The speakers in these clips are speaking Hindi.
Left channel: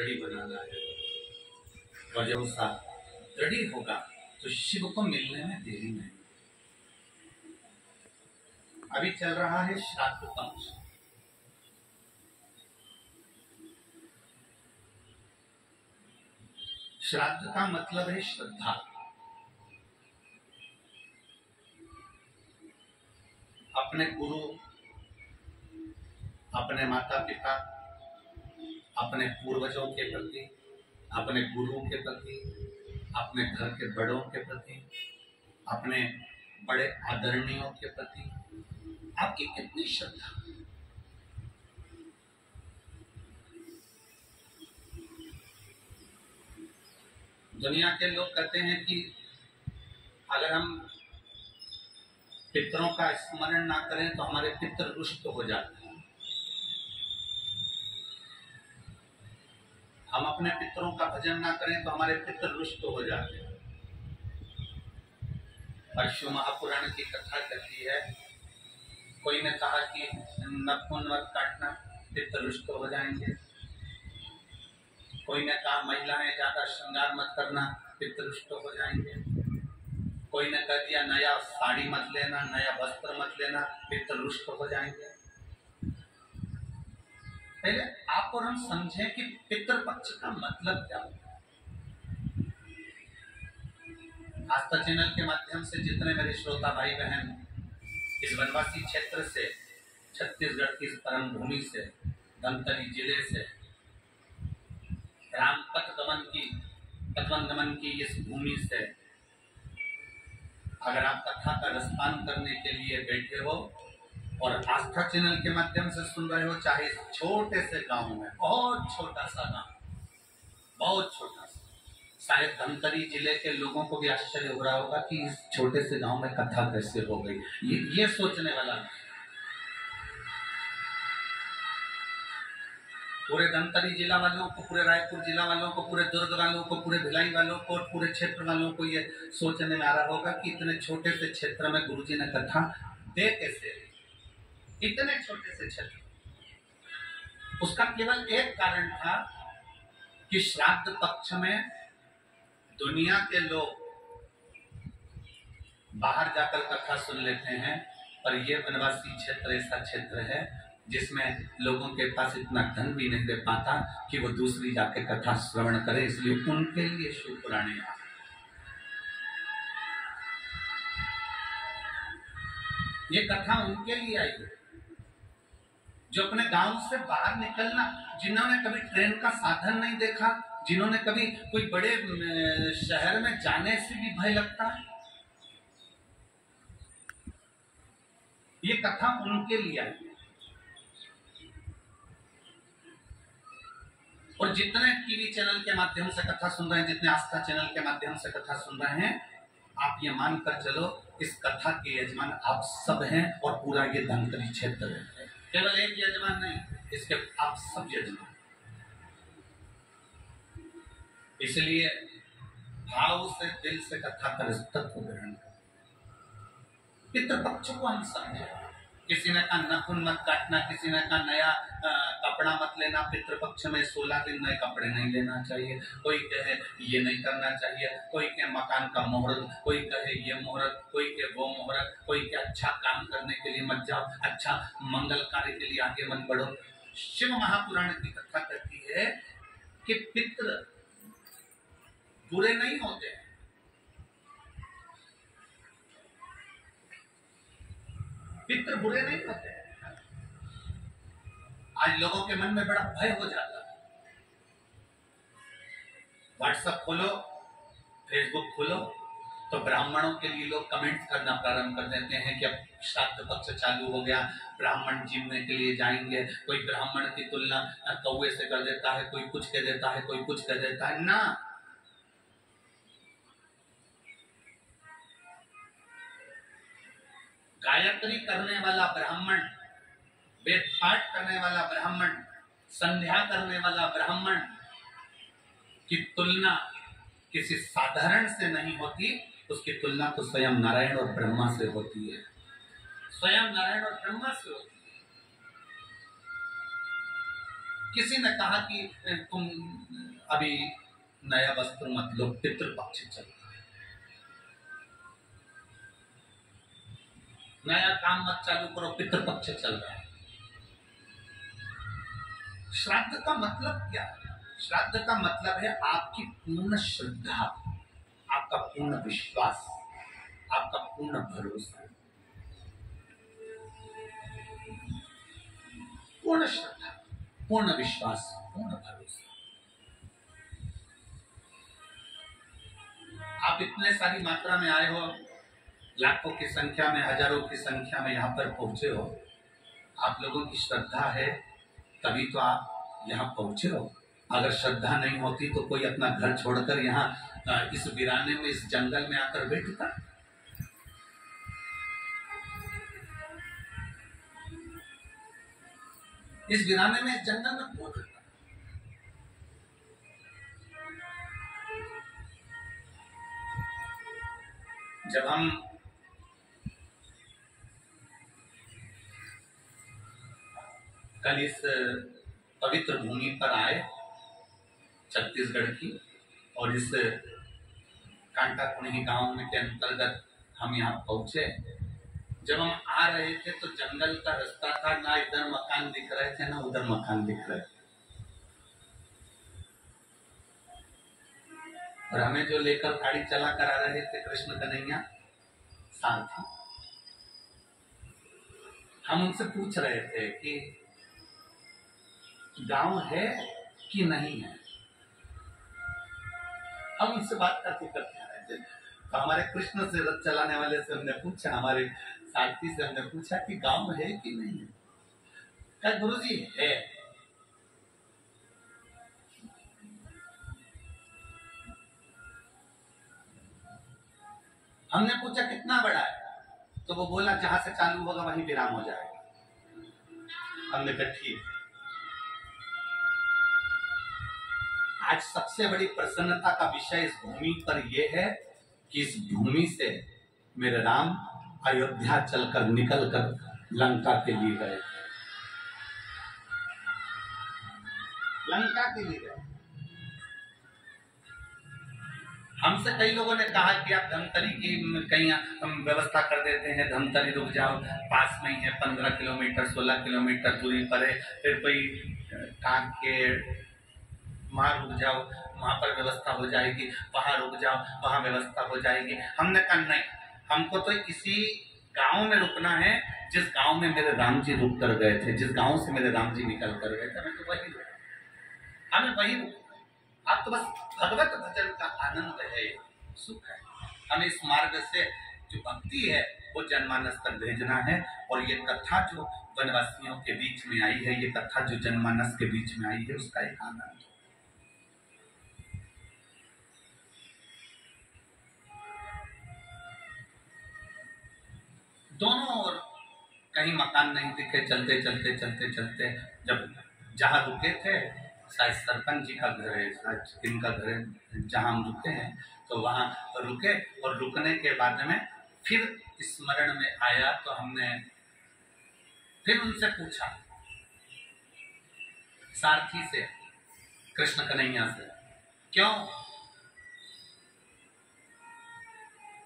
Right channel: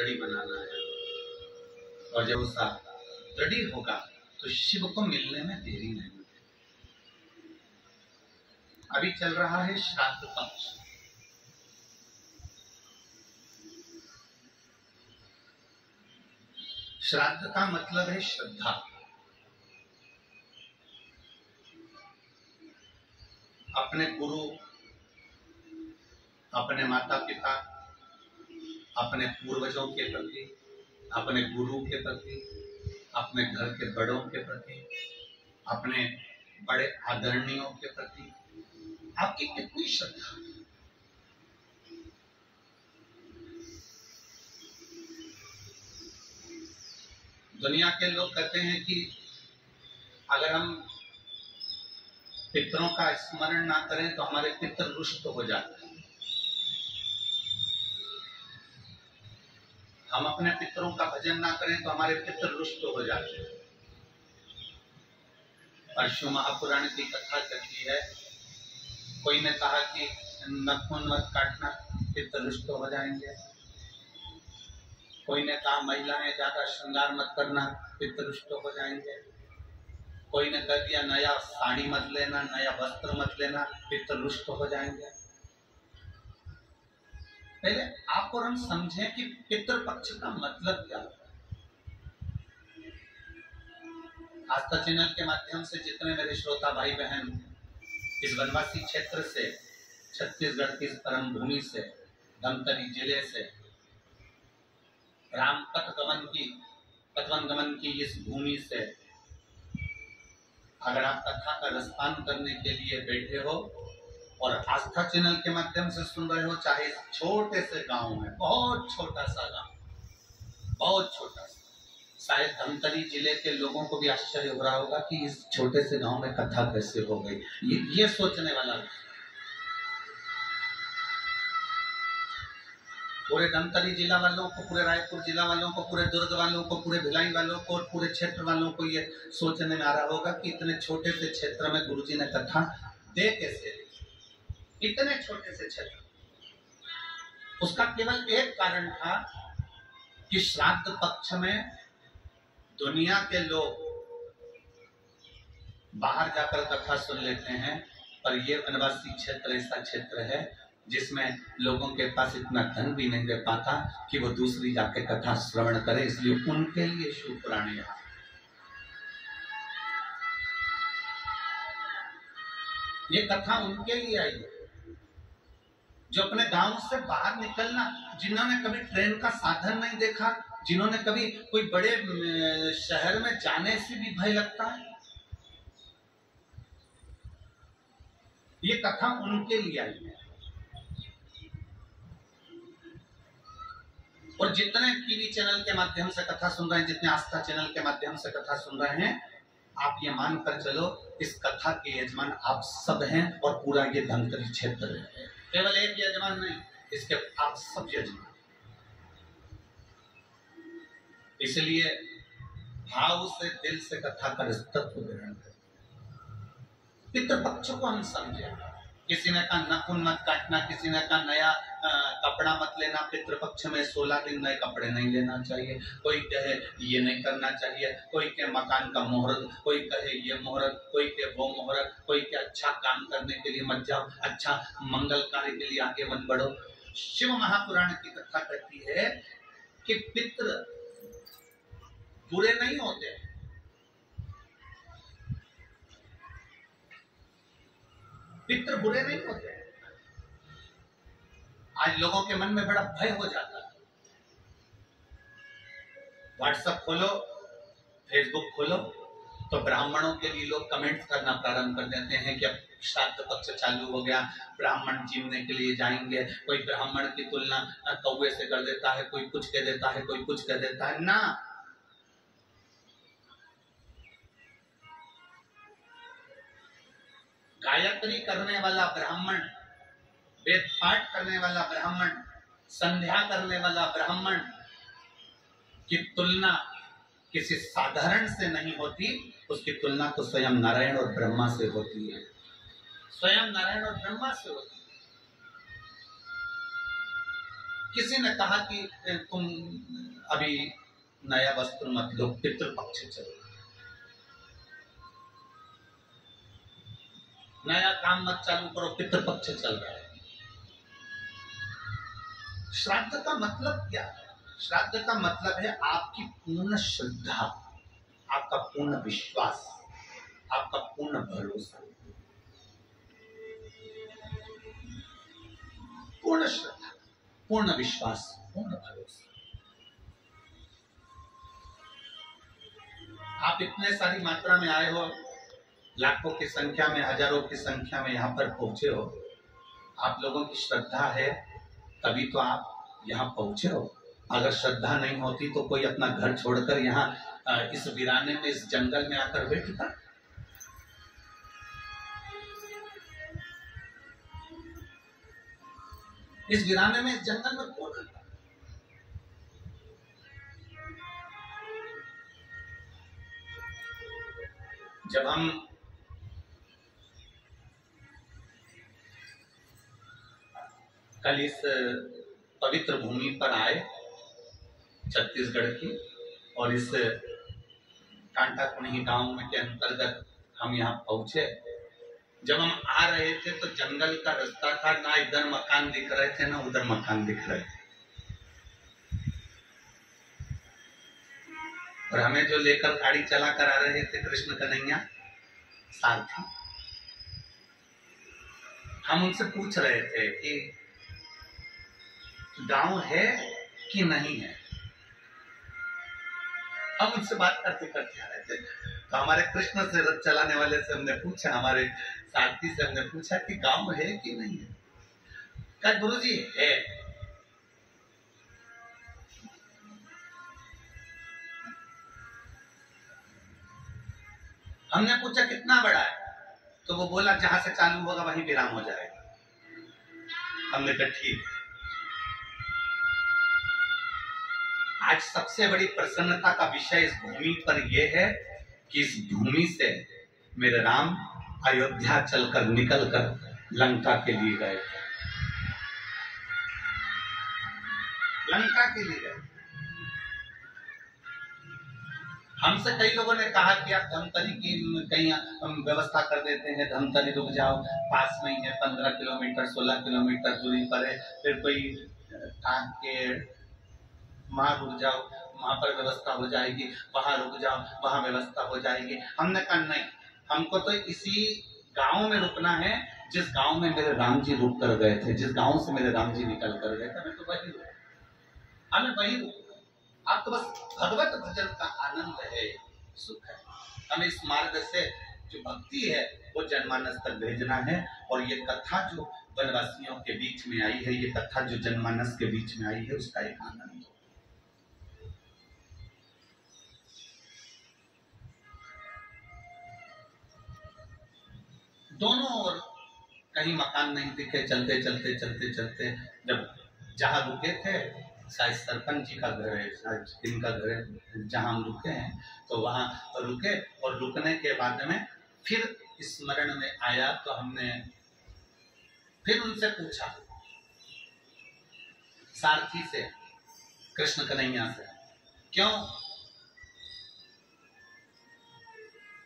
दृढ़ी बनाना है, और जब उसका दृढ़ी होगा तो शिव को मिलने में देरी नहीं। अभी चल रहा है श्राद्ध पक्ष। श्राद्ध का मतलब है श्रद्धा। अपने गुरु, अपने माता पिता, अपने पूर्वजों के प्रति, अपने गुरु के प्रति, अपने घर के बड़ों के प्रति, अपने बड़े आदरणीयों के प्रति आपकी कितनी श्रद्धा। दुनिया के लोग कहते हैं कि अगर हम पितरों का स्मरण ना करें तो हमारे पितर रुष्ट हो जाते हैं। हम अपने पितरों का भजन ना करें तो हमारे पितर रुष्ट हो जाते हैं। परशु महापुराण की कथा कहती है, कोई ने कहा कि नखून मत काटना, पितर रुष्ट हो जाएंगे। कोई ने कहा महिलाएं ज्यादा श्रृंगार मत करना, पितर रुष्ट हो जाएंगे। कोई ने कह दिया नया साड़ी मत लेना, नया वस्त्र मत लेना, पितर रुष्ट हो जाएंगे। पहले आप और हम समझें कि पितृपक्ष का मतलब क्या होता है। आस्था चैनल के माध्यम से जितने मेरे श्रोता भाई बहन इस वनवासी क्षेत्र से, छत्तीसगढ़ की परम भूमि से, धमतरी जिले से, राम पथवन गमन की इस भूमि से अगर आप कथा का रसपान करने के लिए बैठे हो और आस्था चैनल के माध्यम से सुन रहे हो, चाहे इस छोटे से गांव में, बहुत छोटा सा गांव, बहुत छोटा सा, शायद धमतरी जिले के लोगों को भी आश्चर्य हो रहा होगा कि इस छोटे से गांव में कथा कैसे हो गई। ये सोचने वाला है। पूरे धमतरी जिला वालों को, पूरे रायपुर जिला वालों को, पूरे दुर्ग वालों को, पूरे भिलाई वालों को और पूरे क्षेत्र वालों को ये सोचने में आ रहा होगा कि इतने छोटे से क्षेत्र में गुरुजी ने कथा दे कैसे, इतने छोटे से क्षेत्र। उसका केवल एक कारण था कि श्राद्ध पक्ष में दुनिया के लोग बाहर जाकर कथा सुन लेते हैं, पर ये वनवासी क्षेत्र ऐसा क्षेत्र है जिसमें लोगों के पास इतना धन भी नहीं दे पाता कि वो दूसरी जाके कथा श्रवण करे, इसलिए उनके लिए शिव पुराण यहाँ। ये कथा उनके लिए आई है जो अपने गांव से बाहर निकलना, जिन्होंने कभी ट्रेन का साधन नहीं देखा, जिन्होंने कभी कोई बड़े शहर में जाने से भी भय लगता है, ये कथा उनके लिए आई है। और जितने टीवी चैनल के माध्यम से कथा सुन रहे हैं, जितने आस्था चैनल के माध्यम से कथा सुन रहे हैं, आप ये मानकर चलो इस कथा के यजमान आप सब हैं और पूरा ये धमतरी क्षेत्र है। केवल एक यजमान नहीं, इसके आप सब यजमान। इसलिए भाव से, दिल से कथा का तत्व ग्रहण करें। पितृपक्ष को हम समझे। किसी ने कहा नाखून मत काटना, किसी ने कहा नया कपड़ा मत लेना, पितृपक्ष में 16 दिन नए कपड़े नहीं लेना चाहिए। कोई कहे ये नहीं करना चाहिए, कोई कहे मकान का मुहूर्त, कोई कहे ये मुहूर्त, कोई कहे वो मुहूर्त, कोई कहे अच्छा काम करने के लिए मत जाओ, अच्छा मंगल कार्य के लिए आगे मत बढ़ो। शिव महापुराण की कथा कहती है कि पितृ बुरे नहीं होते, पितृ बुरे नहीं होते। आज लोगों के मन में बड़ा भय हो जाता है। व्हाट्सएप खोलो, फेसबुक खोलो तो ब्राह्मणों के लिए लोग कमेंट करना प्रारंभ कर देते हैं कि अब श्राद्ध पक्ष चालू हो गया, ब्राह्मण जीवने के लिए जाएंगे। कोई ब्राह्मण की तुलना कौवे से कर देता है, कोई कुछ कह देता है, कोई कुछ कह देता है। ना, गायत्री करने वाला ब्राह्मण, वेद पाठ करने वाला ब्राह्मण, संध्या करने वाला ब्राह्मण की तुलना किसी साधारण से नहीं होती, उसकी तुलना तो स्वयं नारायण और ब्रह्मा से होती है, स्वयं नारायण और ब्रह्मा से होती है। किसी ने कहा कि तुम अभी नया वस्त्र मत लो, पितृपक्ष चल रहा है, नया काम मत चालू करो, पितृपक्ष चल रहा है। श्राद्ध का मतलब क्या है? श्राद्ध का मतलब है आपकी पूर्ण श्रद्धा, आपका पूर्ण विश्वास, आपका पूर्ण भरोसा, पूर्ण श्रद्धा, पूर्ण विश्वास, पूर्ण भरोसा। आप इतने सारी मात्रा में आए हो, लाखों की संख्या में, हजारों की संख्या में यहाँ पर पहुंचे हो, आप लोगों की श्रद्धा है तभी तो आप यहाँ पहुंचे हो। अगर श्रद्धा नहीं होती तो कोई अपना घर छोड़कर यहाँ इस वीराने में, इस जंगल में आकर बैठता। इस वीराने में, इस जंगल में कौन रहता? जब हम कल इस पवित्र भूमि पर आए छत्तीसगढ़ की, और इस कांटाकुणी गांव में के अंतर्गत हम यहाँ पहुंचे, जब हम आ रहे थे तो जंगल का रास्ता था, ना इधर मकान दिख रहे थे ना उधर मकान दिख रहे थे, और हमें जो लेकर गाड़ी चला कर आ रहे थे कृष्ण कन्हैया सारथी, हम उनसे पूछ रहे थे कि गांव है कि नहीं है। हम उनसे बात करते करते आ रहे थे, तो हमारे कृष्ण से रथ चलाने वाले से हमने पूछा, हमारे सारथी से हमने पूछा कि गांव है कि नहीं है। कहा गुरुजी है। हमने पूछा कितना बड़ा है, तो वो बोला जहां से चालू होगा वहीं विराम हो जाएगा। हमने कहा ठीक। आज सबसे बड़ी प्रसन्नता का विषय इस भूमि पर यह है कि इस भूमि से मेरे राम अयोध्या चलकर निकलकर लंका के लिए गए, लंका के लिए गए। हमसे कई लोगों ने कहा कि आप धमतरी की कहीं हम व्यवस्था कर देते हैं, धमतरी रुक जाओ, पास में ही है, 15 किलोमीटर 16 किलोमीटर दूरी पर है। फिर कोई कांकेर वहां रुक जाओ, वहां पर व्यवस्था हो जाएगी, वहां रुक जाओ, वहां व्यवस्था हो जाएगी। हमने कहा नहीं, हमको तो इसी गांव में रुकना है जिस गांव में मेरे राम जी रुक कर गए थे, जिस गांव से मेरे राम जी निकल कर गए थे, हमें तो वही रुकना, हमें वही रुकना। आप तो बस भगवत भजन का आनंद है, सुख है। हमें इस मार्ग से जो भक्ति है वो जनमानस तक भेजना है। और ये कथा जो वनवासियों के बीच में आई है, ये कथा जो जनमानस के बीच में आई है, उसका एक आनंद हो। दोनों ओर कहीं मकान नहीं दिखे, चलते चलते चलते चलते जब जहाँ रुके थे, शायद सरपंच जी का घर है, शायद इनका घर है जहाँ हम रुके हैं, तो वहाँ रुके। और रुकने के बाद में फिर स्मरण में आया तो हमने फिर उनसे पूछा, सारथी से, कृष्ण कन्हैया से, क्यों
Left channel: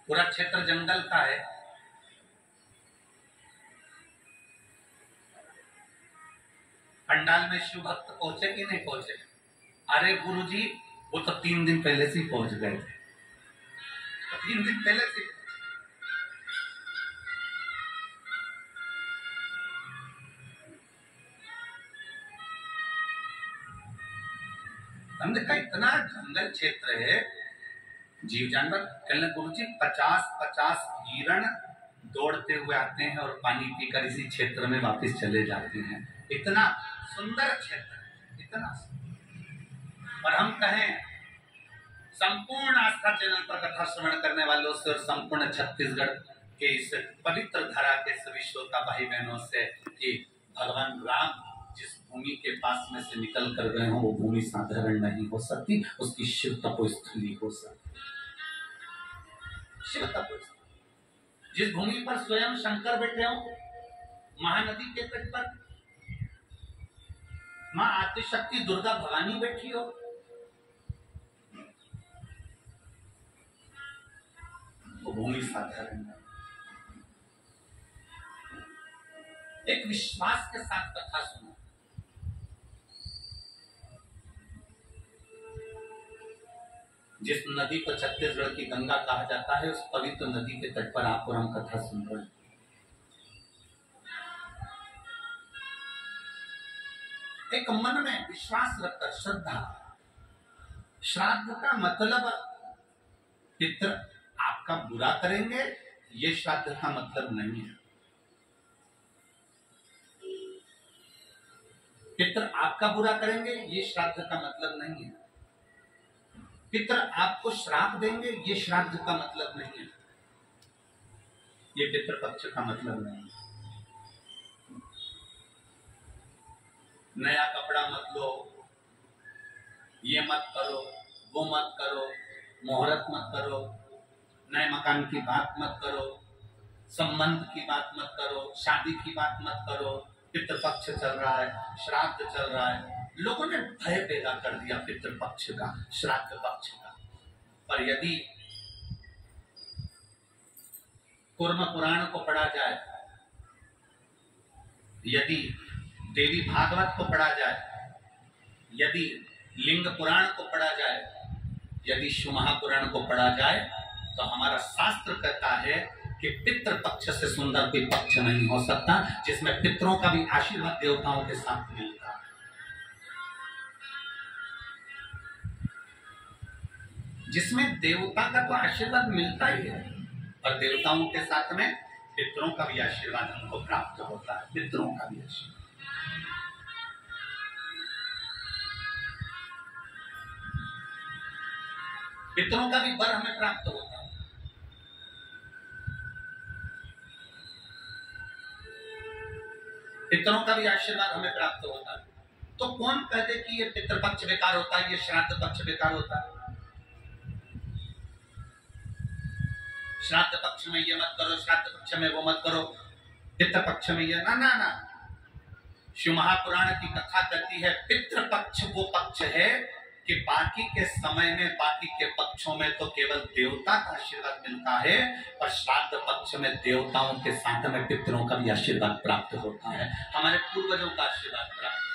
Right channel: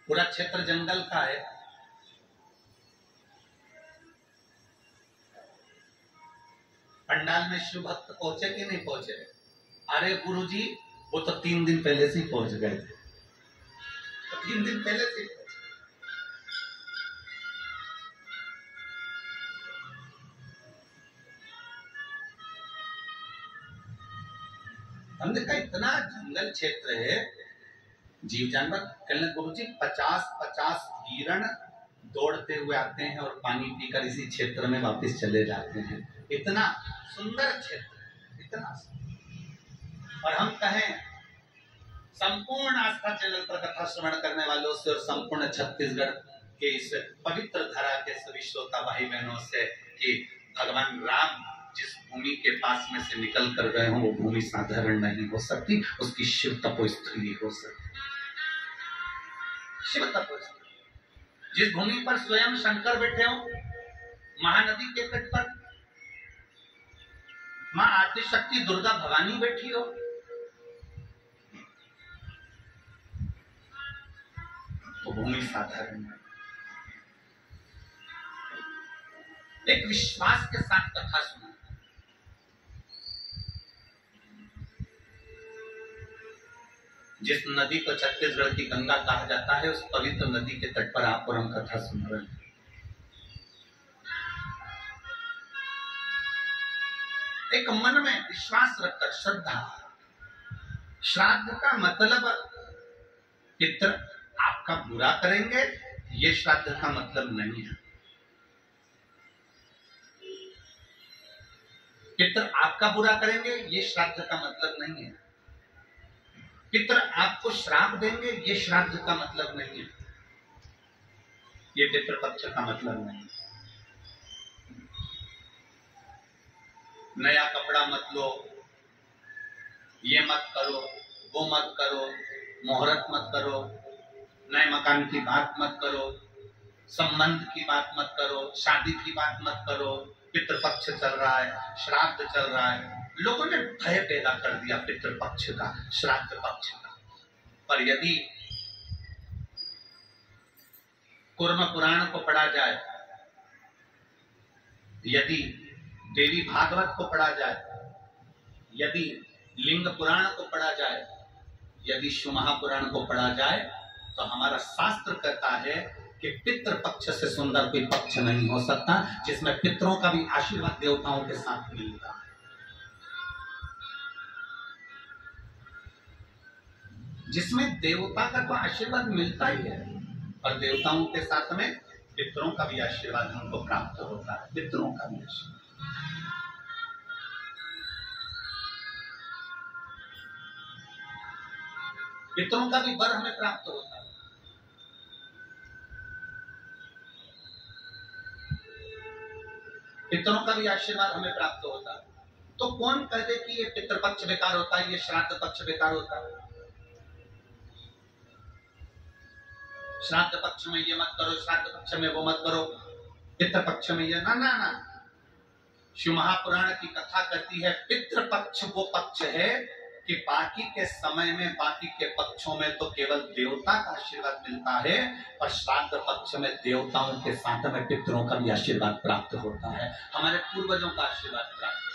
पूरा क्षेत्र जंगल का है, पंडाल में शिव भक्त पहुंचे कि नहीं पहुंचे? अरे गुरुजी वो तो 3 दिन पहले से ही पहुंच गए थे, तो 3 दिन पहले से पहुंचे। हमने कहा इतना जंगल क्षेत्र है, जीव जानवर। कहने गुरुजी 50-50 हिरण दौड़ते हुए आते हैं और पानी पीकर इसी क्षेत्र में वापस चले जाते हैं। इतना सुंदर क्षेत्र, इतना सुंदर। और हम कहें संपूर्ण आस्था चैनल पर कथा श्रवण करने वालों से और संपूर्ण छत्तीसगढ़ के इस पवित्र धरा के सभी श्रोता भाई बहनों से कि भगवान राम जिस भूमि के पास में से निकल कर गए हों, वो भूमि साधारण नहीं हो सकती, उसकी शिव तपोस्थली हो सकती। शिव तपोस्थली, जिस भूमि पर स्वयं शंकर बैठे हो, महानदी के तट पर मां आदिशक्ति दुर्गा भवानी बैठी हो, भूमि साधारण है। एक विश्वास के साथ कथा सुनो। जिस नदी को छत्तीसगढ़ की गंगा कहा जाता है, उस पवित्र नदी के तट पर आप और हम कथा सुन रहे हैं। एक मन में विश्वास रखकर श्रद्धा। श्राद्ध का मतलब पितर आपका बुरा करेंगे, ये श्राद्ध का मतलब नहीं है। पितर आपका बुरा करेंगे, ये श्राद्ध का मतलब नहीं है। पितर आपको श्राप देंगे, ये श्राद्ध का मतलब नहीं है। ये पितृपक्ष का मतलब नहीं है। नया कपड़ा मत लो, ये मत करो, वो मत करो, मुहूर्त मत करो, नए मकान की बात मत करो, संबंध की बात मत करो, शादी की बात मत करो। पितृपक्ष चल रहा है, श्राद्ध चल रहा है। लोगों ने भय पैदा कर दिया पितृपक्ष का, श्राद्ध पक्ष का। पर यदि कूर्म पुराण को पढ़ा जाए, यदि देवी भागवत को पढ़ा जाए, यदि लिंग पुराण को पढ़ा जाए, यदि शिव महापुराण को पढ़ा जाए, तो हमारा शास्त्र कहता है कि पितृ पक्ष से सुंदर कोई पक्ष नहीं हो सकता, जिसमें पितरों का भी आशीर्वाद देवताओं के साथ मिलता है। जिसमें देवता का तो आशीर्वाद मिलता ही है, और देवताओं के साथ में पितरों का भी आशीर्वाद हमको प्राप्त होता है। पितरों का भी आशीर्वाद, पितरों का भी वर हमें प्राप्त होता है। पितरों का भी आशीर्वाद हमें प्राप्त होता है। तो कौन कह दे कि ये पितृपक्ष बेकार होता है, ये श्राद्ध पक्ष बेकार होता है? श्राद्ध पक्ष में ये मत करो, श्राद्ध पक्ष में वो मत करो, पितृपक्ष में ये ना ना ना। शिव महापुराण की कथा कहती है पितृपक्ष वो पक्ष है कि बाकी के समय में, बाकी के पक्षों में तो केवल देवता का आशीर्वाद मिलता है, और श्राद्ध पक्ष में देवताओं के साथ में पितरों का भी आशीर्वाद प्राप्त होता है, हमारे पूर्वजों का आशीर्वाद प्राप्त।